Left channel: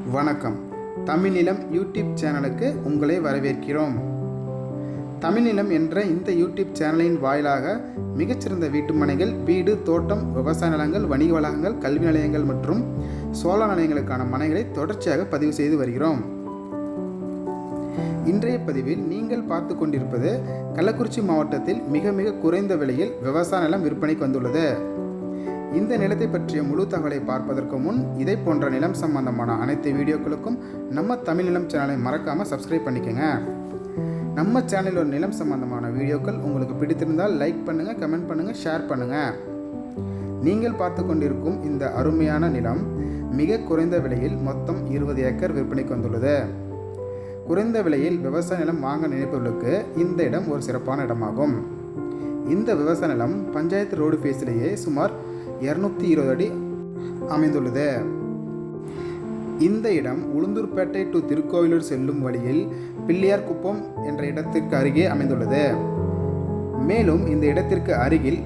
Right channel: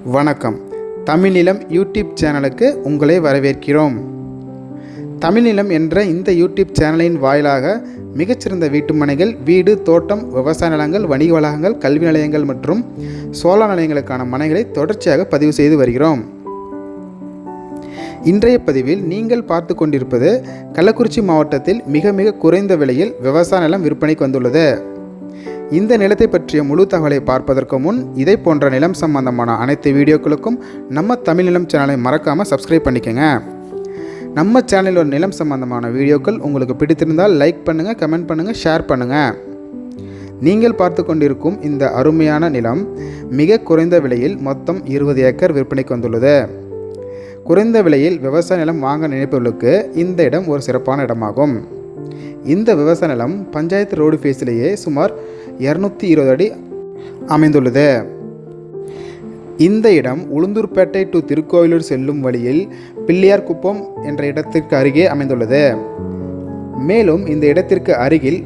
வணக்கம். தமிழ்நிலம் யூடியூப் சேனலுக்கு உங்களை வரவேற்கிறோம். தமிழ்நிலம் என்ற இந்த யூடியூப் சேனலின் வாயிலாக மிகச்சிறந்த வீட்டுமனைகள், வீடு, தோட்டம், விவசாய நிலங்கள், வணிக வளாகங்கள், கல்வி நிலையங்கள் மற்றும் சோலார் நிலையங்களுக்கான மனைகளை தொடர்ச்சியாக பதிவு செய்து வருகிறோம். இன்றைய பதிவில் நீங்கள் பார்த்து கொண்டிருப்பது கள்ளக்குறிச்சி மாவட்டத்தில் மிக மிக குறைந்த விலையில் விவசாய நிலம் விற்பனைக்கு வந்துள்ளது. இந்த நிலத்தை பற்றிய முழு தகவலை பார்ப்பதற்கு முன் இதை போன்ற நிலம் சம்பந்தமான அனைத்து வீடியோக்களுக்கும் நம்ம தமிழ் நிலம் சேனலை மறக்காமல் சப்ஸ்கிரைப் பண்ணிக்கோங்க. நம்ம சேனலில் ஒரு நிலம் சம்பந்தமான வீடியோக்கள் உங்களுக்கு பிடித்திருந்தால் லைக் பண்ணுங்கள், கமெண்ட் பண்ணுங்கள், ஷேர் பண்ணுங்கள். நீங்கள் பார்த்து கொண்டிருக்கும் இந்த அருமையான நிலம் மிக குறைந்த விலையில் மொத்தம் 20 ஏக்கர் விற்பனைக்கு வந்துள்ளது. குறைந்த விலையில் விவசாய நிலம் வாங்க நினைப்பவர்களுக்கு இந்த இடம் ஒரு சிறப்பான இடமாகும். இந்த விவசாய நிலம் பஞ்சாயத்து ரோடு ஃபேஸிலேயே சுமார் 220 அடி அமைந்துள்ளது. இந்த இடம் உளுந்தூர்பேட்டை டு திருக்கோயிலூர் செல்லும் வழியில் பிள்ளையார்குப்பம் என்ற இடத்திற்கு அருகே அமைந்துள்ளது. மேலும் இந்த இடத்திற்கு அருகில்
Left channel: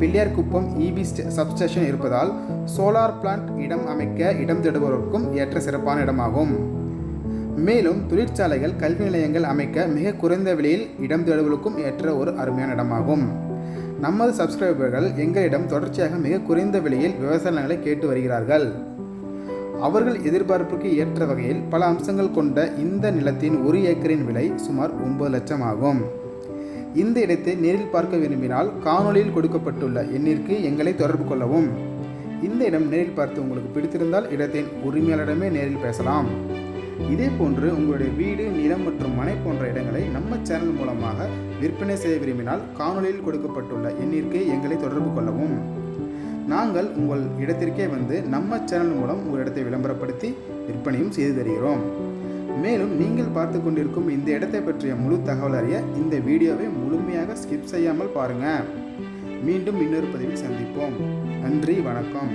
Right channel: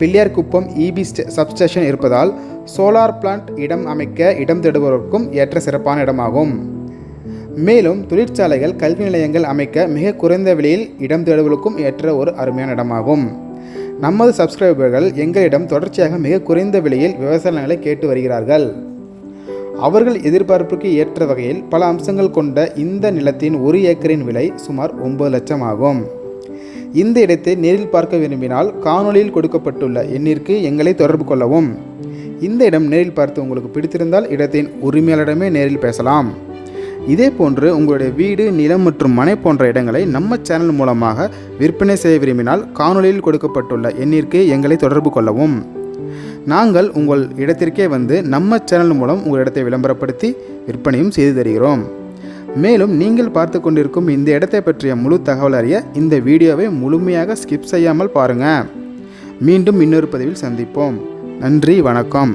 பிள்ளையார்குப்பம் இபி சப்ஸ்டேஷன் இருப்பதால் சோலார் பிளான்ட் இடம் அமைக்க இடம் தேடுபவருக்கும் ஏற்ற சிறப்பான இடமாகும். மேலும் தொழிற்சாலைகள், கல்வி நிலையங்கள் அமைக்க மிக குறைந்த விலையில் இடம் தேடுவதற்கும் ஏற்ற ஒரு அருமையான இடமாகும். நமது சப்ஸ்கிரைபர்கள் எங்களிடம் தொடர்ச்சியாக மிக குறைந்த விலையில் விவசாய நிலங்களை கேட்டு வருகிறார்கள். அவர்கள் எதிர்பார்ப்புக்கு ஏற்ற வகையில் பல அம்சங்கள் கொண்ட இந்த நிலத்தின் 1 ஏக்கரின் விலை சுமார் 9 லட்சம் ஆகும். இந்த இடத்தை நேரில் பார்க்க விரும்பினால் காணொலியில் கொடுக்கப்பட்டுள்ள எண்ணிற்கு எங்களை தொடர்பு கொள்ளவும். இந்த இடம் நேரில் பார்த்து உங்களுக்கு பிடித்திருந்தால் இடத்தின் உரிமையாளரிடமே நேரில் பேசலாம். இதே போன்று உங்களுடைய வீடு, நிலம் மற்றும் மனை போன்ற இடங்களை நம்ம சேனல் மூலமாக விற்பனை செய்ய விரும்பினால் காணொலியில் கொடுக்கப்பட்டுள்ள எண்ணிற்கு எங்களை தொடர்பு கொள்ளவும். நாங்கள் உங்கள் இடத்திற்கே வந்து நம்ம சேனல் மூலம் உங்கள் இடத்தை விளம்பரப்படுத்தி விற்பனையும் செய்து தருகிறோம். மேலும் நீங்கள் பார்த்து கொண்டிருக்கும் இந்த இடத்தை பற்றிய முழு தகவல் அறிய இந்த வீடியோவை முழுமையாக ஸ்கிப் செய்யாமல் பாருங்கள். மீண்டும் இன்னொரு பதிவில் சந்திப்போம். நன்றி, வணக்கம்.